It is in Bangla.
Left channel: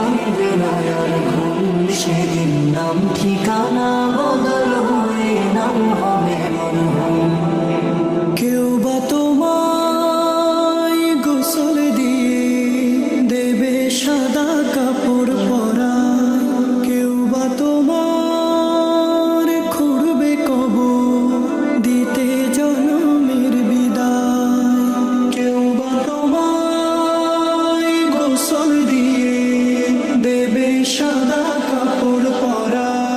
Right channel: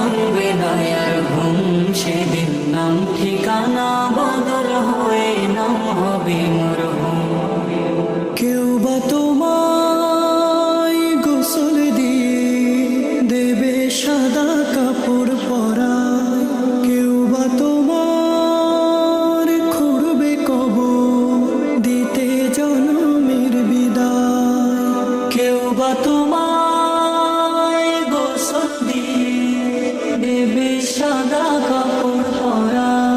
ভাঙবে না আর ঘুম, সেদিন নাম ঠিকানা বদল হয়ে নাম হবে মরহুম। কেউ বা তোমায় গোসল দিয়ে দেবে সাদা কাপড় পরায়, কেউ বা তোমার খুঁড়বে কবর দিতে জনমের বিদায়, কেউ বা তোমায় গোসল দিয়ে দেবে সাদা কাপড় পরায়।